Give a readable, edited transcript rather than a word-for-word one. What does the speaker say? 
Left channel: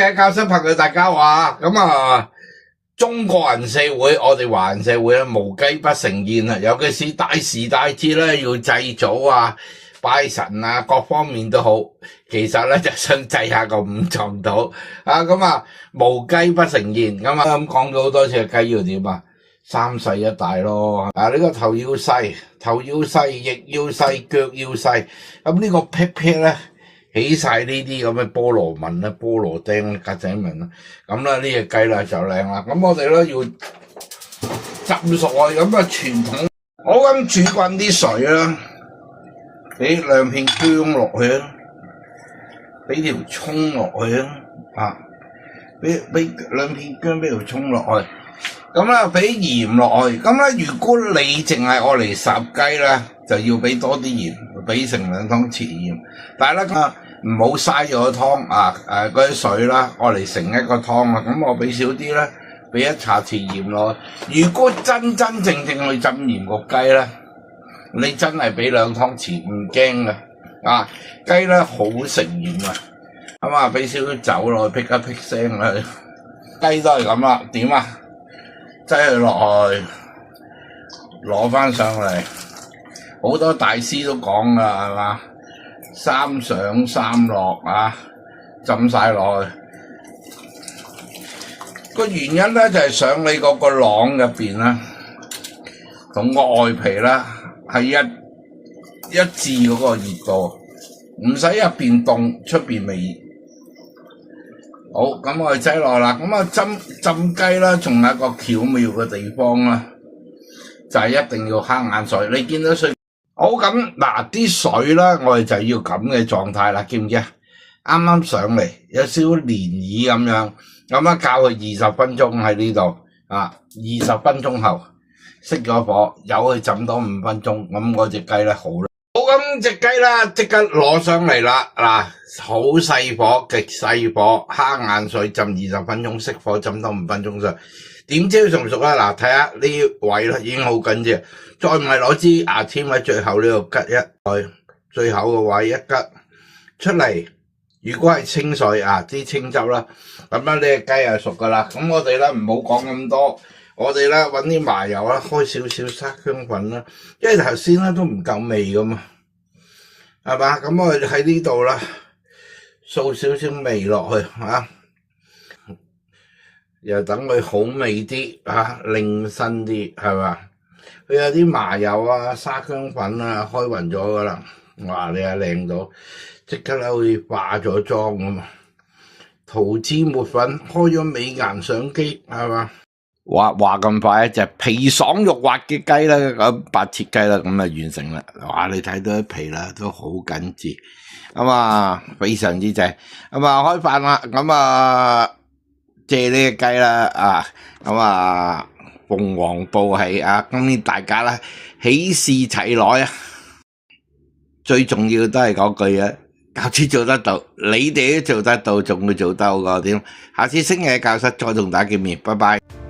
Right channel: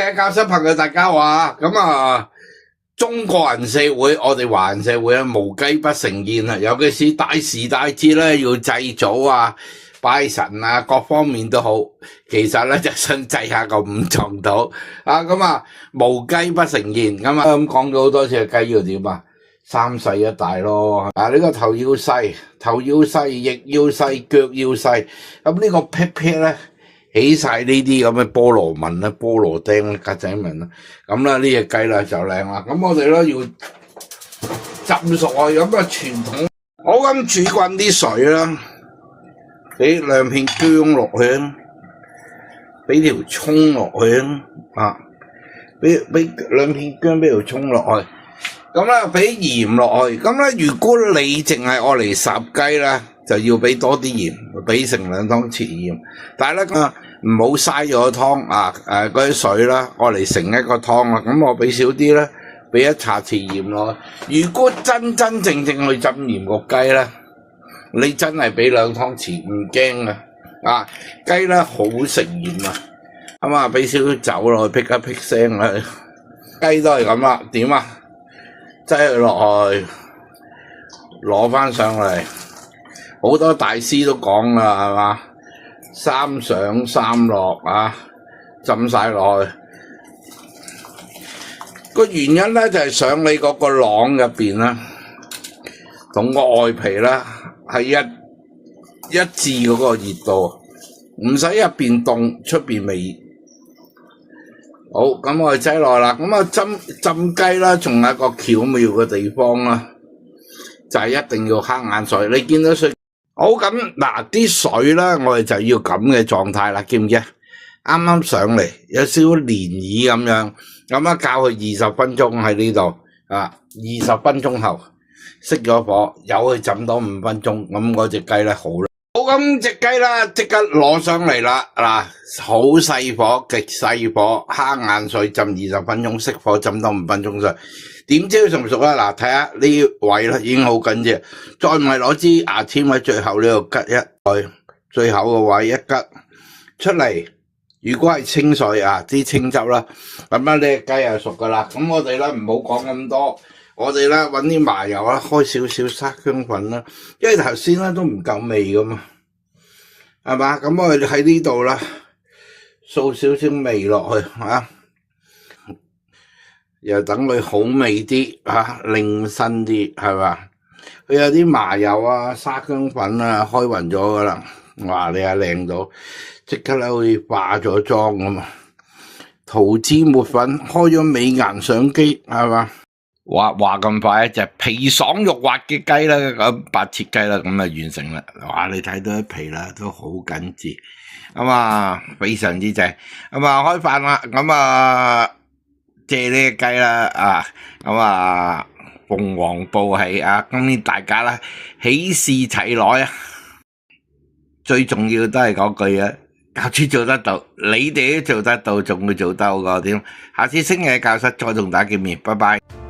嘅教室朋友大家話，咁啊，中國人社會，我哋華人社會咧，無雞不成宴啊！尤其是大時大節咧，要祭祖啊、拜神啊，各方面都好。其實咧就想祭下個五臟土啊，咁啊，無雞不成宴咁啊，咁講咗好多次，雞要點啊？三細一大咯，啊呢個頭要細，翼要細，腳要細，咁呢個屁屁咧起晒呢啲咁嘅菠蘿紋啦、菠蘿釘啦、格仔紋啦，咁啦呢隻雞啦就靚啦。咁我哋咧要浸熟啊，咁啊傳統，我咁煮滾啲水啦，俾兩片薑落去啊，俾條葱落去啊，俾兩片薑，俾條葱落去。咁啦，俾鹽落去。咁咧，如果你淨係愛嚟烚雞咧，就要俾多啲鹽，俾成2湯匙鹽。但係咧，唔好嘥咗個湯啊！嗰啲水啦，愛嚟成一個湯啦。咁我俾少啲咧，俾1茶匙鹽落去。如果真正去浸鹽個雞咧，你真係俾2湯匙唔驚嘅啊！雞咧好食鹽啊，咁啊俾少少酒落去，辟一辟聲啦。雞都係咁啦，點啊？擠佢落去，攞翻上嚟，好多大師都講啦，係嘛？3上3落啊，浸晒落去。個原因咧就係想你嗰個囊入邊咧，同個外皮咧係一致嗰個熱度，唔使入邊凍，出邊未。好，咁我哋擠落啦。咁啊浸雞啦，仲有一個巧妙嘅地方啦，就係一定要慳眼水。你見到水好咁嗱，啲水啦，我哋就要咁嘅狀態啦，見唔見啊？啱啱上嚟有少少漣漪咁樣，咁啊教佢20分鐘喺呢度啊，20分鐘後熄咗火，由佢浸多5分鐘，咁嗰隻雞咧好啦。好，咁隻雞啦，即刻攞上嚟啦，嗱，好細火，極細火，慳眼水浸20分鐘，熄火浸多5分鐘上。點知佢熟唔熟咧？嗱，睇下呢位咧已經好緊要，再唔係攞支牙籤喺最後呢度吉一，最後個位一吉出嚟。如果係清水啊，啲清汁啦，咁咧呢隻雞係熟噶啦。咁我哋咧唔好講咁多。我哋咧揾啲麻油啦，開少少沙薑粉啦，因為頭先咧都唔夠味噶嘛，係嘛？咁我哋喺呢度啦，掃少少味落去嚇，又等佢好味啲嚇，靚身啲係嘛？佢有啲麻油啊、沙薑粉啊，開勻咗噶啦，哇！你係靚到，即刻咧好似化咗妝咁啊！塗脂抹粉，開咗美顏相機係嘛？話咁快，一隻皮爽肉滑嘅雞啦，咁白切雞啦，咁啊完成啦。哇！你睇到啲皮啦，都好緊緻，咁啊非常之正。咁啊開飯啦，咁啊借呢隻雞啦，啊咁啊鳳凰報喜啊，今年大家啦喜事齊來啊！最重要都係嗰句啊，教師做得到，你哋都做得到，仲會做得好過點？下次星期嘅教室再同大家見面，拜拜。